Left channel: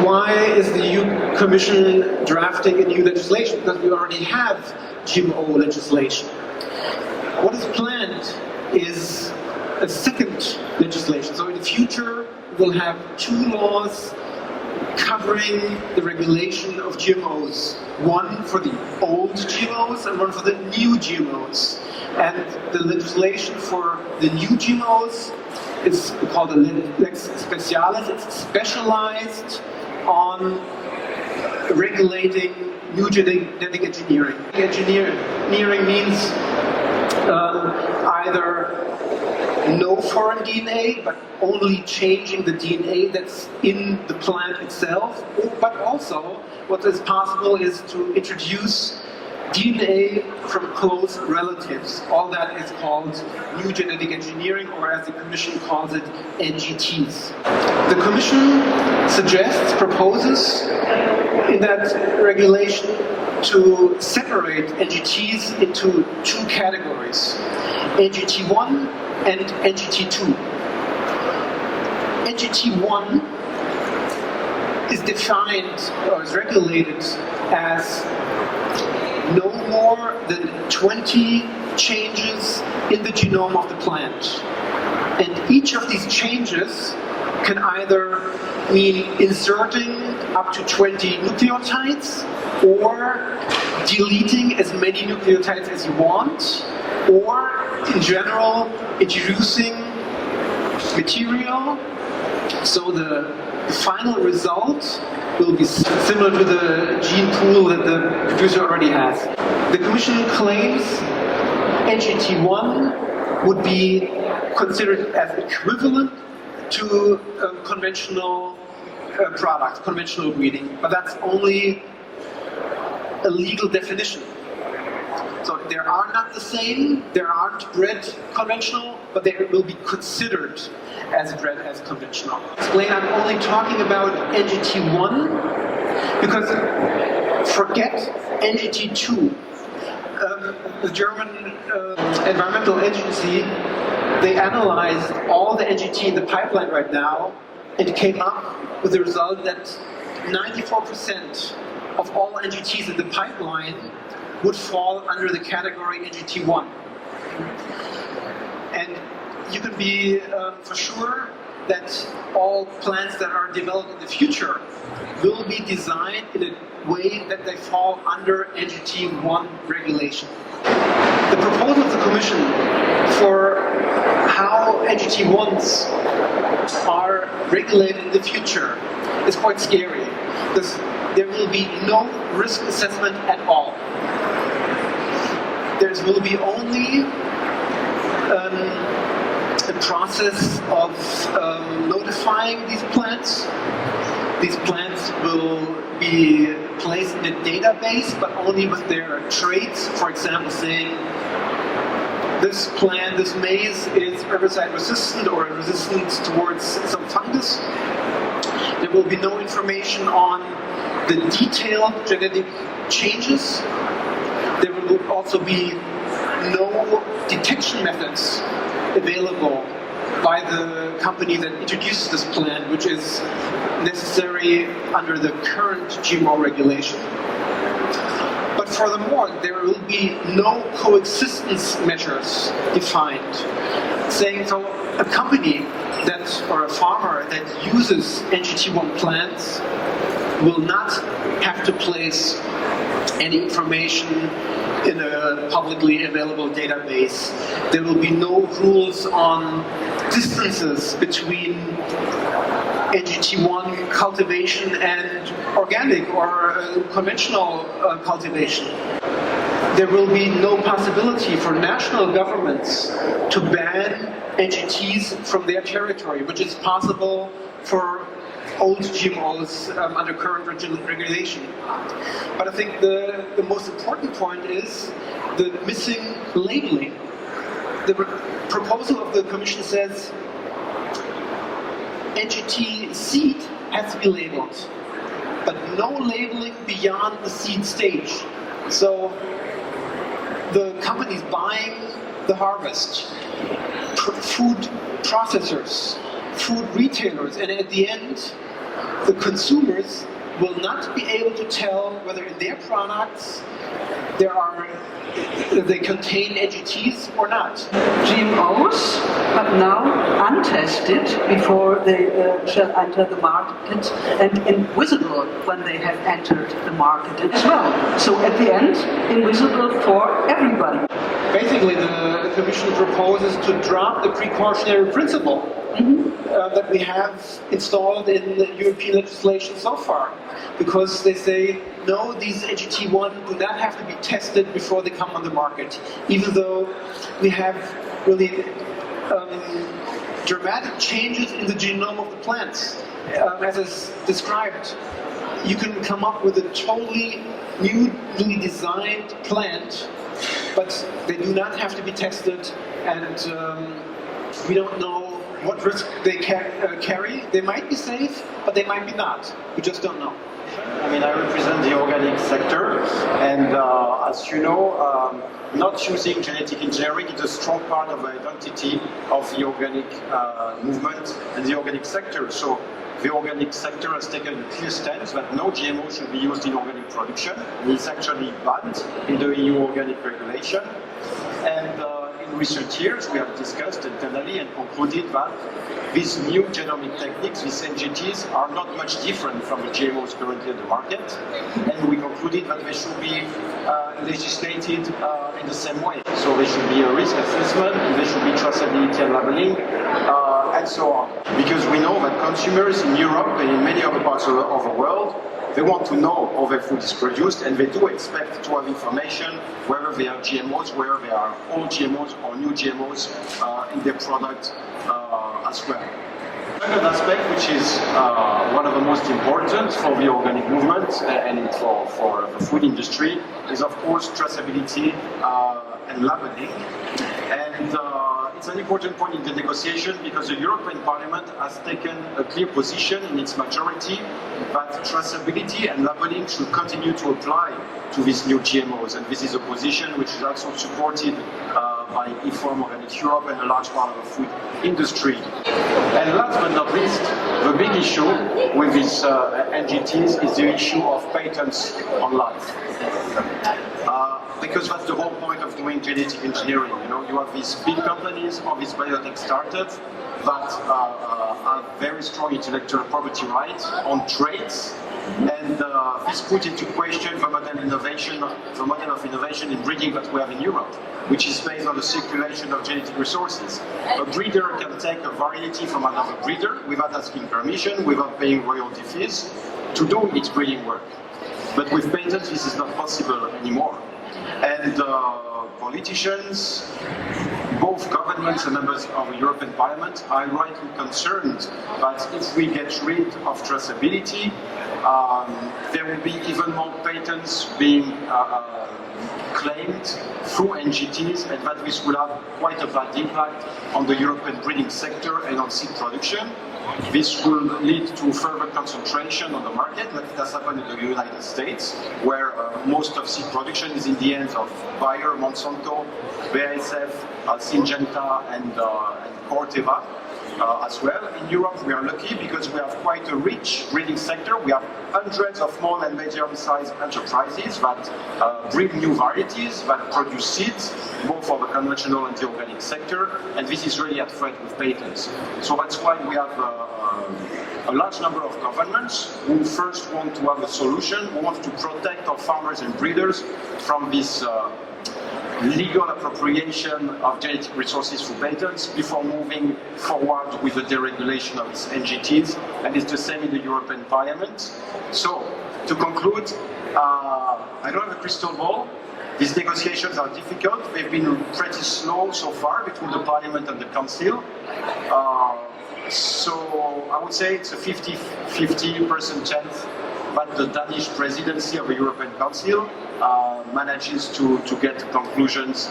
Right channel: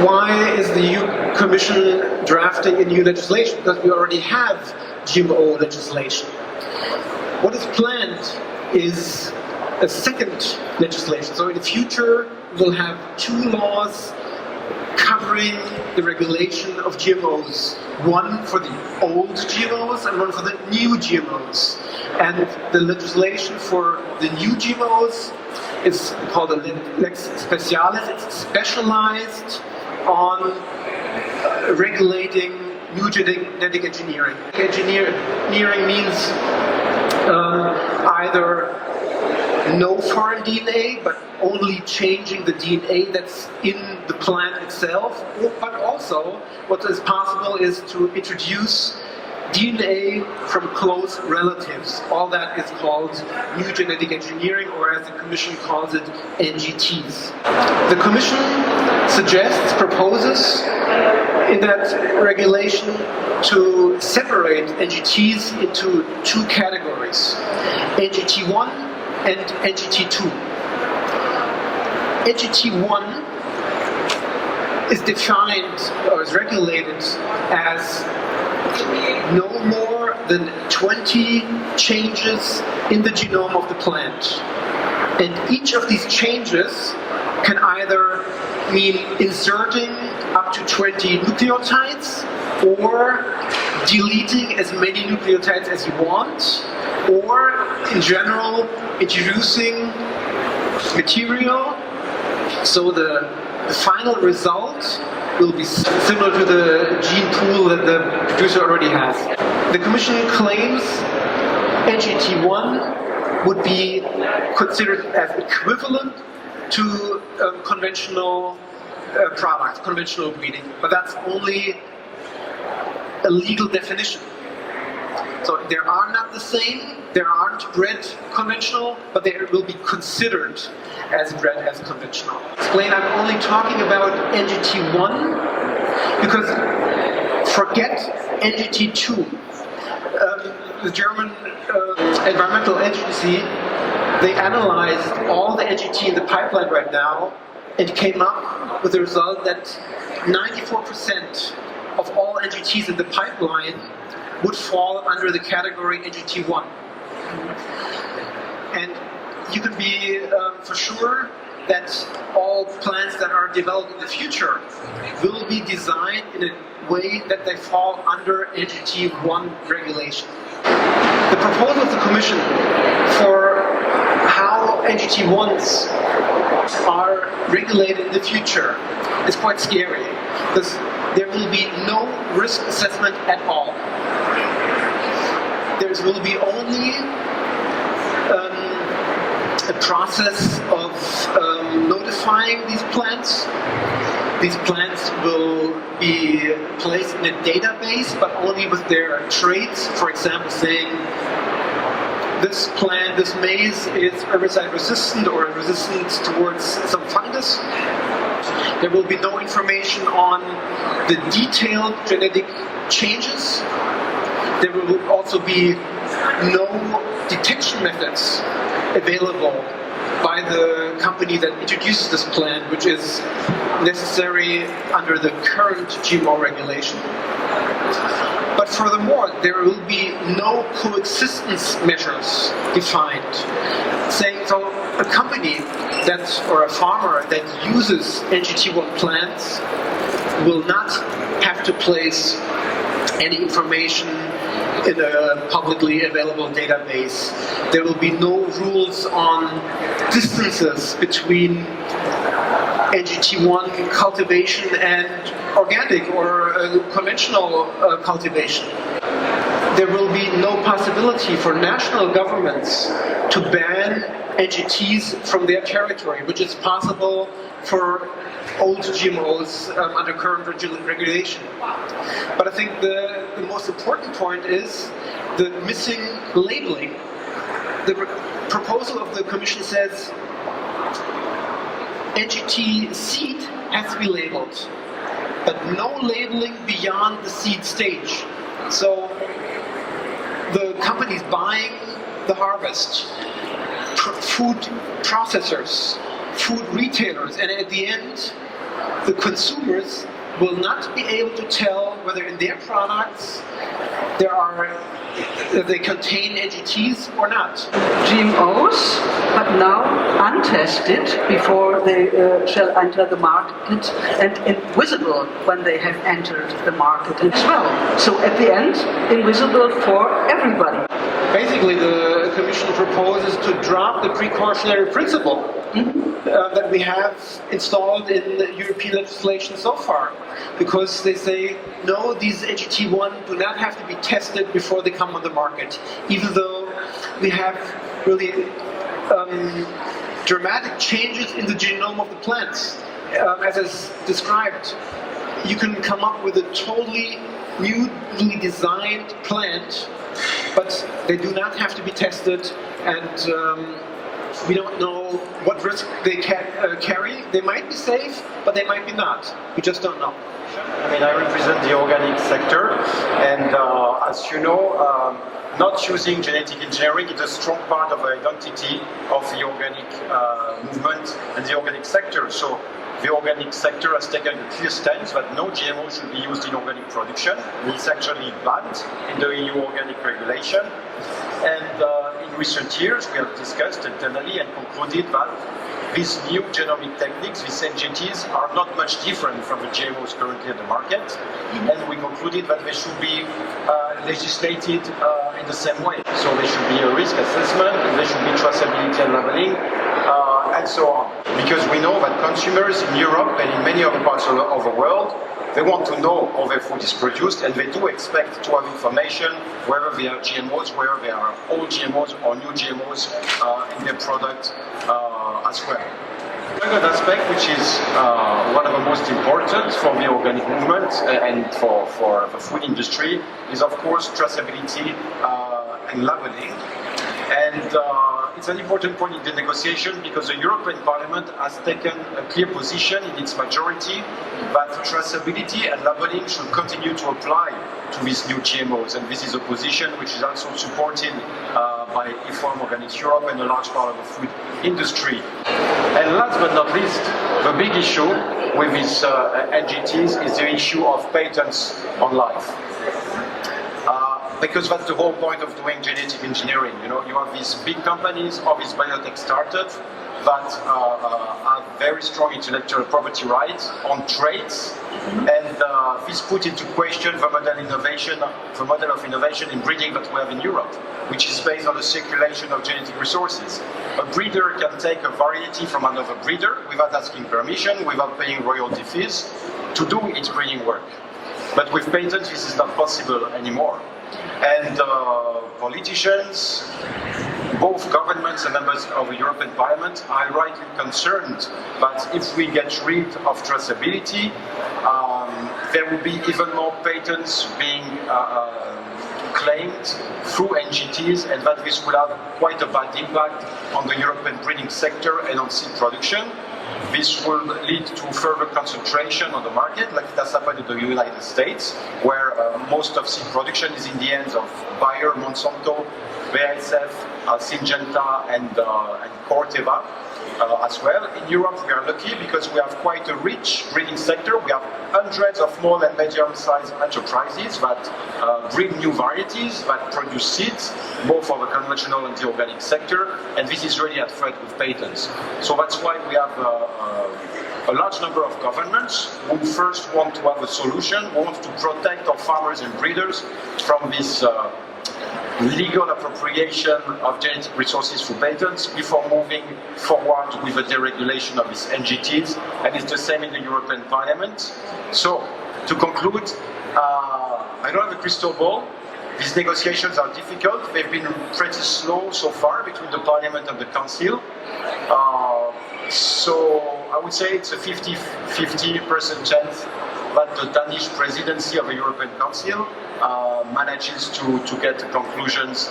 Why is the EU Commission drafting a new legislation? Because we already have GMO legislation. What is planned is a second legislation. So in the future, we'll have two laws covering the regulation of GMOs. One for the old GMOs and one for the new GMOs. And the legislation for the new GMOs is called a lex specialis. It's specialized on regulating new genetic engineering. Engineering means either no foreign DNA, but only changing the DNA that's in the plant itself, but also what is possible is to introduce DNA from close relatives. All that is called new genetic engineering, or as the Commission calls it, NGTs. The Commission proposes in that regulation to separate NGTs into two categories, NGT1 and NGT2. NGT1 is defined or is regulated as no more than 20 changes in the genome of the plant. And each of these changes can either mean inserting up to 20 nucleotides, or deleting as many nucleotides as you want, or in general introducing material so the final result will be similar to the gene pool that the producer already has. The Commission claims NGT1 would be considered as equivalent to conventional products, conventional breeding, but that's only a legal definition. So they are not the same, they aren't bred conventional, but they will be considered as bred as conventional. Explain, I'm only talking about NGT1 because forget NGT2. The German environmental agency, they analyzed all the NGT in the pipeline right now and came up with the result that 94% of all NGTs in the pipeline would fall under the category NGT1. And you can be for sure that all plants that are developed in the future will be designed in a way that they fall under NGT1 regulation. The proposal of the Commission for how NGT1s are regulated in the future is quite scary, because there will be no risk assessment at all. There will be only a process of notifying these plants. These plants will be placed in a database, but only with their traits. For example, saying this plant, this maize, is herbicide resistant or resistant towards some fungus. There will be no information on the detailed genetic changes. There will also be no detection methods available by the company that introduces this plant, which is necessary under the current GMO regulation. But furthermore, there will be no coexistence measures defined, saying so a company or a farmer that uses NGT1 plants will not have to place any information in a publicly available database. There will be no rules on distances between NGT1 cultivation and organic or conventional cultivation. There will be no possibility for national governments to ban NGTs from their territory, which is possible for old GMOs under current regulation. But I think the most important point is the missing labeling. The proposal of the Commission says NGT seed has to be labeled, but no labeling beyond the seed stage. So the companies buying the harvest, food processors, food retailers, and at the end, the consumers will not be able to tell whether in their products they contain NGTs or not. GMOs, but now untested before they shall enter the market, and invisible when they have entered the market as well. So at the end, invisible for everybody. Basically, the Commission proposes to drop the precautionary principle that we have installed in the European legislation so far, because they say, no, these NGT1 do not have to be tested before they come on the market, even though we have really dramatic changes in the genome of the plants. As is described, you can come up with a totally newly designed plant, but they do not have to be tested, and we don't know what risk they carry. They might be safe, but they might be not. We just don't know. I mean, I represent the organic sector, and as you know, not using genetic engineering is a strong part of the identity of the organic movement and the organic sector. So the organic sector has taken a clear stance that no GMO should be used in organic production. It's actually banned in the EU organic regulation. And in recent years, we have discussed internally and concluded that these new genomic techniques, these NGTs, are not much different from the GMOs currently on the market. And we concluded that they should be legislated in the same way. So there should be a risk assessment, and there should be traceability and labeling, and so on. Because we know that consumers in Europe and in many other parts of the world, they want to know how their food is produced, and they do expect to have information whether they are GMOs, whether they are old GMOs or new GMOs in their product as well. The second aspect, which is one of the most important for the organic movement and for the food industry, is of course traceability and labeling. And it's an important point in the negotiation because the European Parliament has taken a clear position in its majority that traceability and labeling should continue to apply to these new GMOs. And this is a position which is also supported by IFOAM Organic Europe and a large part of the food industry. And last but not least, the big issue with these NGTs is the issue of patents on life. Because that's the whole point of doing genetic engineering. You know, you have these big companies or these biotech startups that have very strong intellectual property rights on traits, and this put into question the model of innovation in breeding that we have in Europe, which is based on the circulation of genetic resources. A breeder can take a variety from another breeder without asking permission, without paying royalty fees, to do its breeding work. But with patents, this is not possible anymore. And politicians, both governments and members of the European Parliament, are rightly concerned that if we get rid of traceability, there will be even more patents being claimed through NGTs, and that this will have quite a bad impact on the European breeding sector and on seed production. This will lead to further concentration on the market, like it has happened in the United States, where most of seed production is in the hands of Bayer, Monsanto, BASF, Syngenta, and Corteva as well. In Europe, we are lucky because we have quite a rich breeding sector. We have hundreds of small and medium-sized enterprises that breed new varieties, that produce seeds, both for the conventional and the organic sector, and this is really at threat with patents. So that's why we have a large number of governments who first want to have a solution, who want to protect our farmers and breeders from this legal appropriation of genetic resources through patents before moving forward with the deregulation of these NGTs, and it's the same in the European Parliament. So, to conclude, I don't have a crystal ball. These negotiations are difficult. They've been pretty slow so far between the Parliament and the Council. So I would say it's a 50% chance that the Danish presidency of the European Council manages to get conclusions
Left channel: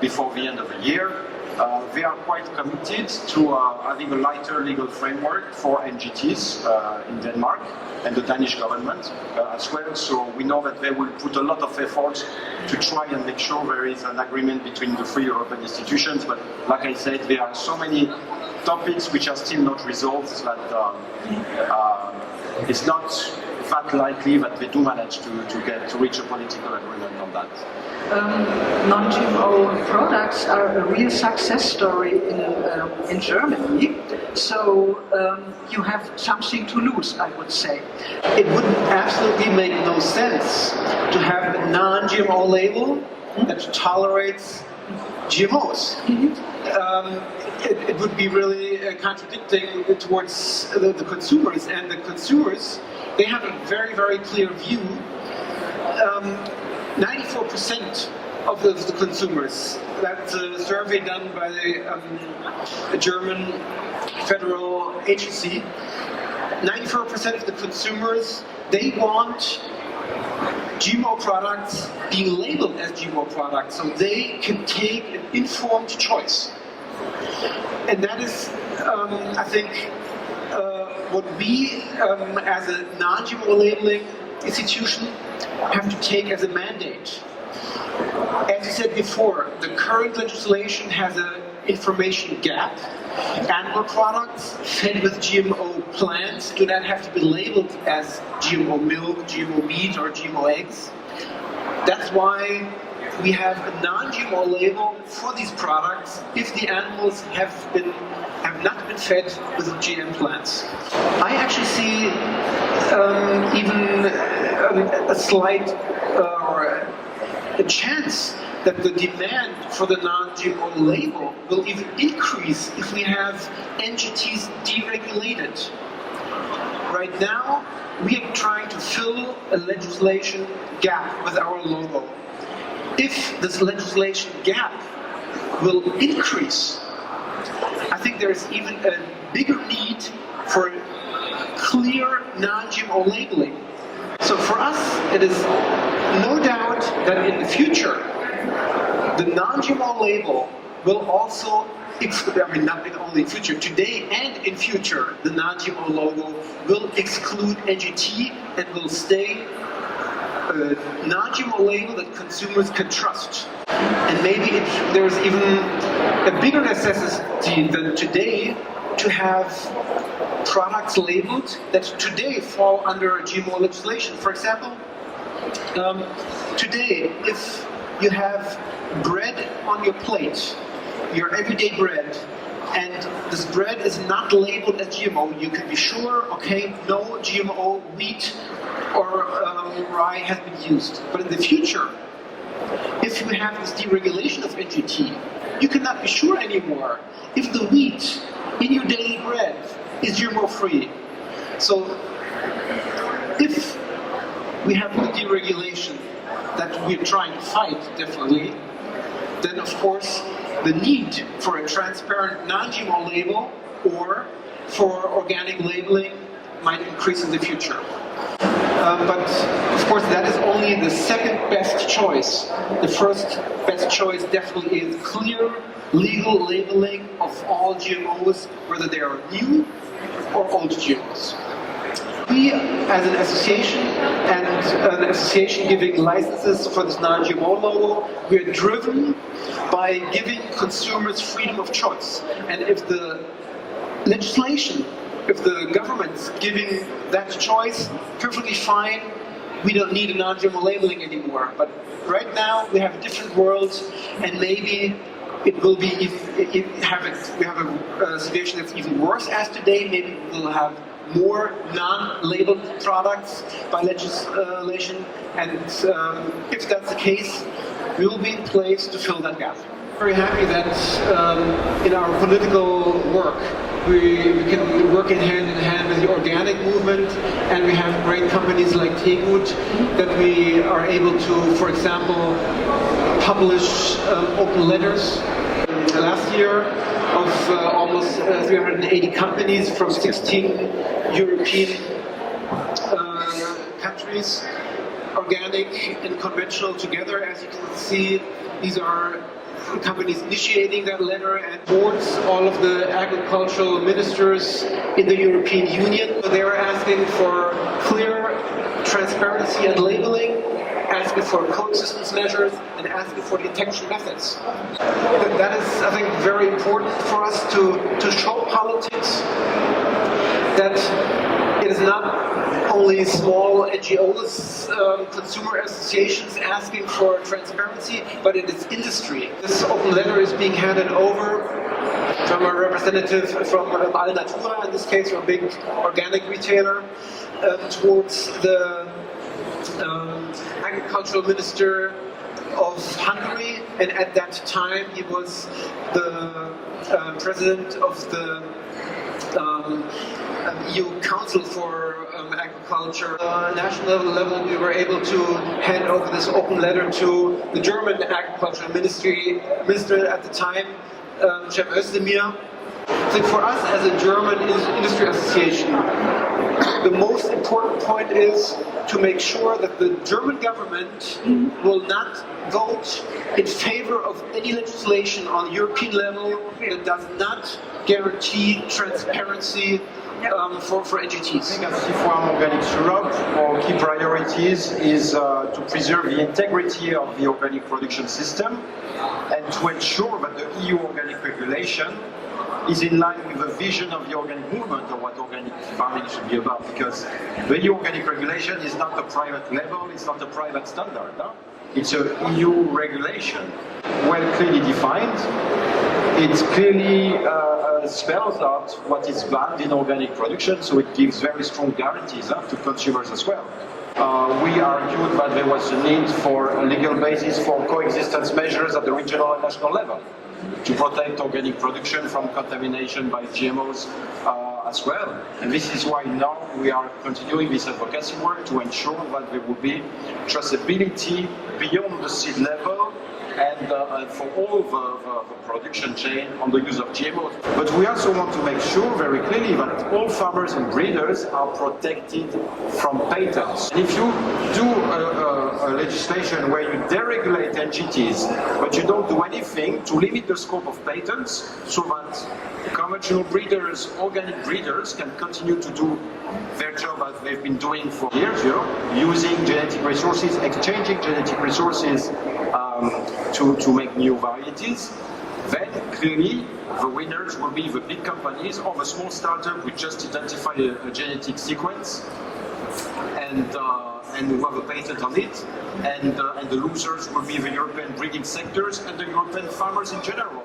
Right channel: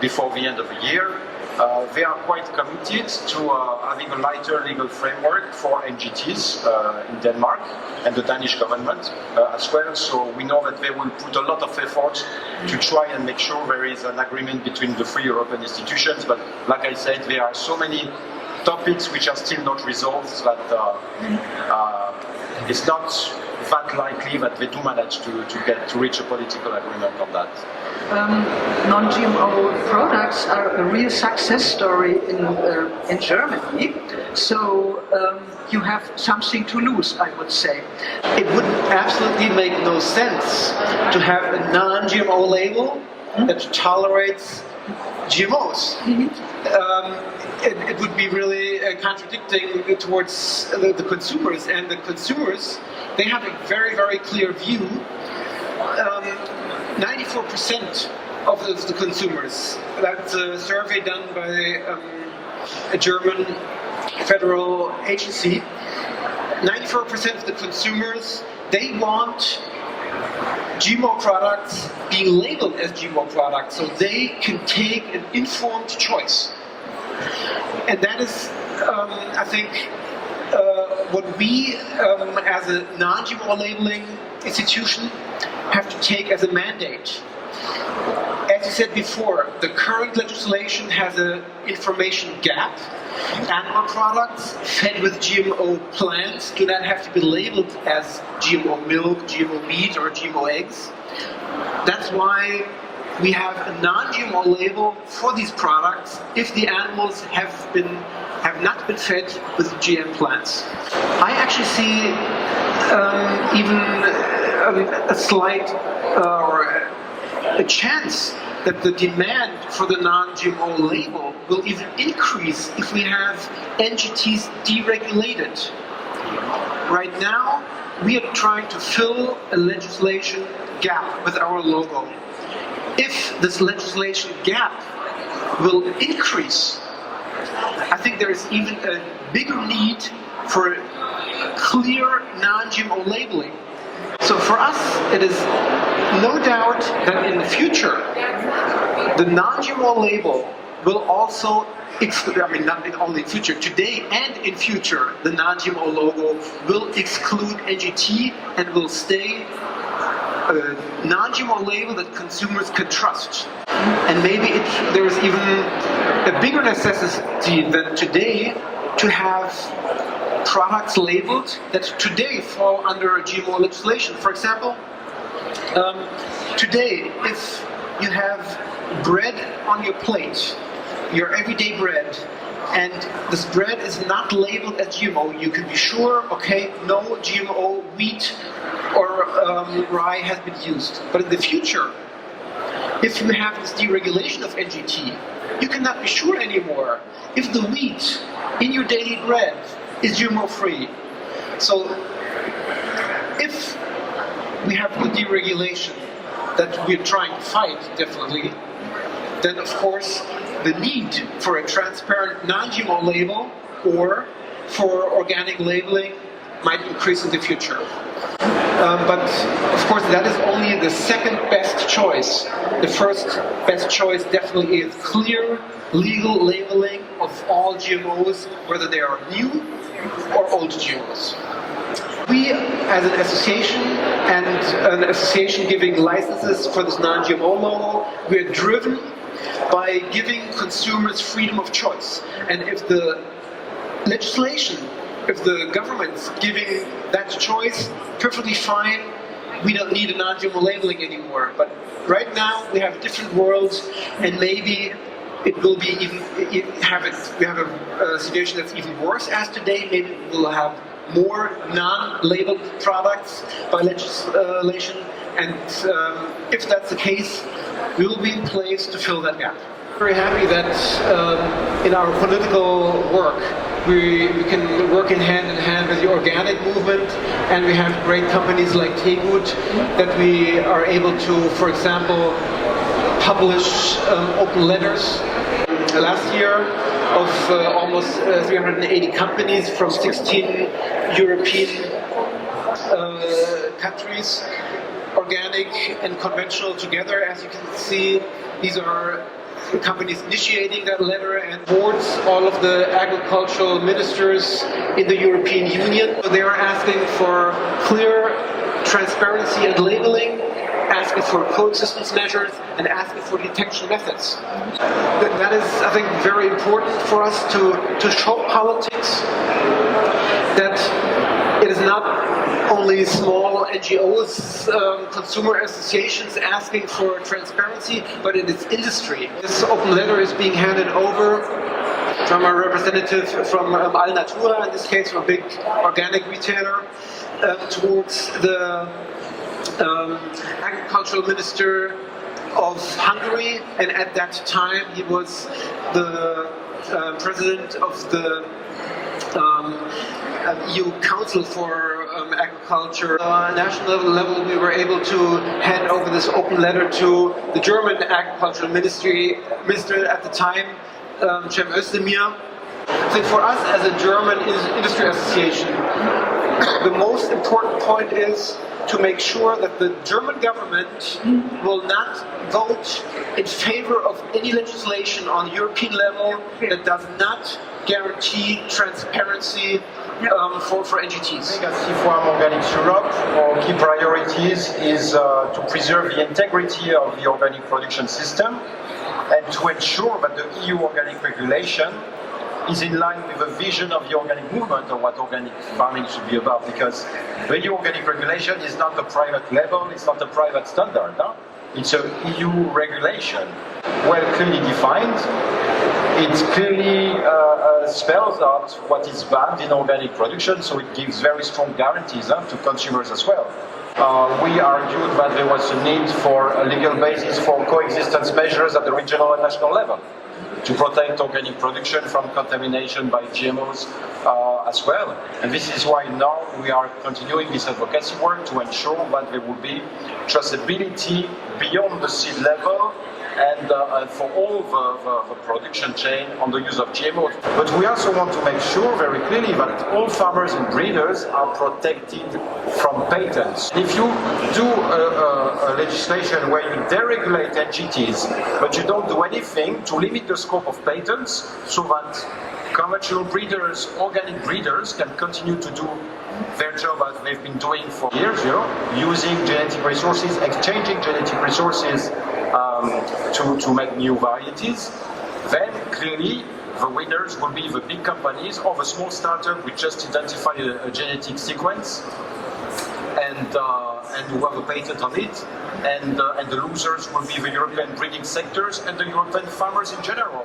before the end of the year. They are quite committed to having a lighter legal framework for NGTs in Denmark and the Danish government as well. So we know that they will put a lot of effort to try and make sure there is an agreement between the three European institutions. But like I said, there are so many topics which are still not resolved, but it's not that likely that they do manage to reach a political agreement on that. Non-GMO products are a real success story in Germany, so you have something to lose, I would say. It would absolutely make no sense to have a non-GMO label that tolerates GMOs. It would be really contradicting towards the consumers, and the consumers, they have a very, very clear view. 94% of the consumers, that's a survey done by a German federal agency, 94% of the consumers, they want GMO products being labeled as GMO products so they can take an informed choice. And that is, I think, what we as a non-GMO labeling institution have to take as a mandate. As you said before, the current legislation has an information gap. Animal products fed with GMO plants do not have to be labeled as GMO milk, GMO meat, or GMO eggs. That's why we have a non-GMO label for these products if the animals have not been fed with GM plants. I actually see even a slight or a chance that the demand for the non-GMO label will even increase if we have NGTs deregulated. Right now, we are trying to fill a legislation gap with our logo. If this legislation gap will increase, I think there is even a bigger need for clear non-GMO labeling. So for us, it is no doubt that in the future, the non-GMO label will also exclude, I mean not only in future, today and in future, the non-GMO logo will exclude NGT and will stay a non-GMO label that consumers can trust. And maybe there is even a bigger necessity than today to have products labeled that today fall under GMO legislation. For example, today, if you have bread on your plate, your everyday bread, and this bread is not labeled as GMO, you can be sure, okay, no GMO wheat or rye has been used. But in the future, if you have this deregulation of NGT, you cannot be sure anymore if the wheat in your daily bread is GMO-free. So if we have the deregulation that we're trying to fight, definitely, then of course the need for a transparent non-GMO label or for organic labeling might increase in the future. But of course that is only the second best choice. The first best choice definitely is clear legal labeling of all GMOs, whether they are new or old GMOs. We, as an association, and an association giving licenses for this non-GMO logo, we are driven by giving consumers freedom of choice. And if the legislation, if the government's giving that choice, perfectly fine, we don't need a non-GMO labeling anymore. But right now, we have a different world, and maybe it will be even, we have a situation that's even worse as today. Maybe we'll have more non-labeled products by legislation, and if that's the case, we will be in place to fill that gap. Very happy that in our political work we can work in hand with the organic movement, and we have great companies like Tegut that we are able to, for example, publish open letters. Last year, of almost 380 companies from 16 European countries, organic and conventional together. As you can see, these are companies initiating that letter, and boards, all of the agricultural ministers in the European Union. They are asking for clear transparency and labeling, asking for coexistence measures, and asking for detection methods. That is, I think, very important for us to show politics that it is not only small NGOs, consumer associations asking for transparency, but it is industry. This open letter is being handed over from a representative from Alnatura, in this case a big organic retailer, towards the agricultural minister of Hungary, and at that time he was the president of the EU Council for Agriculture. On a national level, we were able to hand over this open letter to the German agricultural minister at the time, Cem Özdemir. I think for us as a German industry association, the most important point is to make sure that the German government will not vote in favor of any legislation on European level that does not guarantee transparency for NGTs. At IFOAM Organics Europe, our key priorities is to preserve the integrity of the organic production system and to ensure that the EU organic regulation is in line with the vision of the organic movement of what organic farming should be about, because the EU organic regulation is not a private level, it's not a private standard, no? It's an EU regulation, well clearly defined. It clearly spells out what is banned in organic production, so it gives very strong guarantees to consumers as well. We argued that there was a need for a legal basis for coexistence measures at the regional and national level to protect organic production from contamination by GMOs as well. And this is why now we are continuing this advocacy work to ensure that there will be traceability beyond the seed level and for all the production chain on the use of GMOs. But we also want to make sure very clearly that all farmers and breeders are protected from patents. If you do a legislation where you deregulate NGTs, but you don't do anything to limit the scope of patents so that conventional breeders, organic breeders can continue to do their job as they've been doing for years, using genetic resources, exchanging genetic resources to make new varieties, then clearly the winners will be the big companies or the small startup who just identify a genetic sequence and who have a patent on it, and the losers will be the European breeding sectors and the European farmers in general.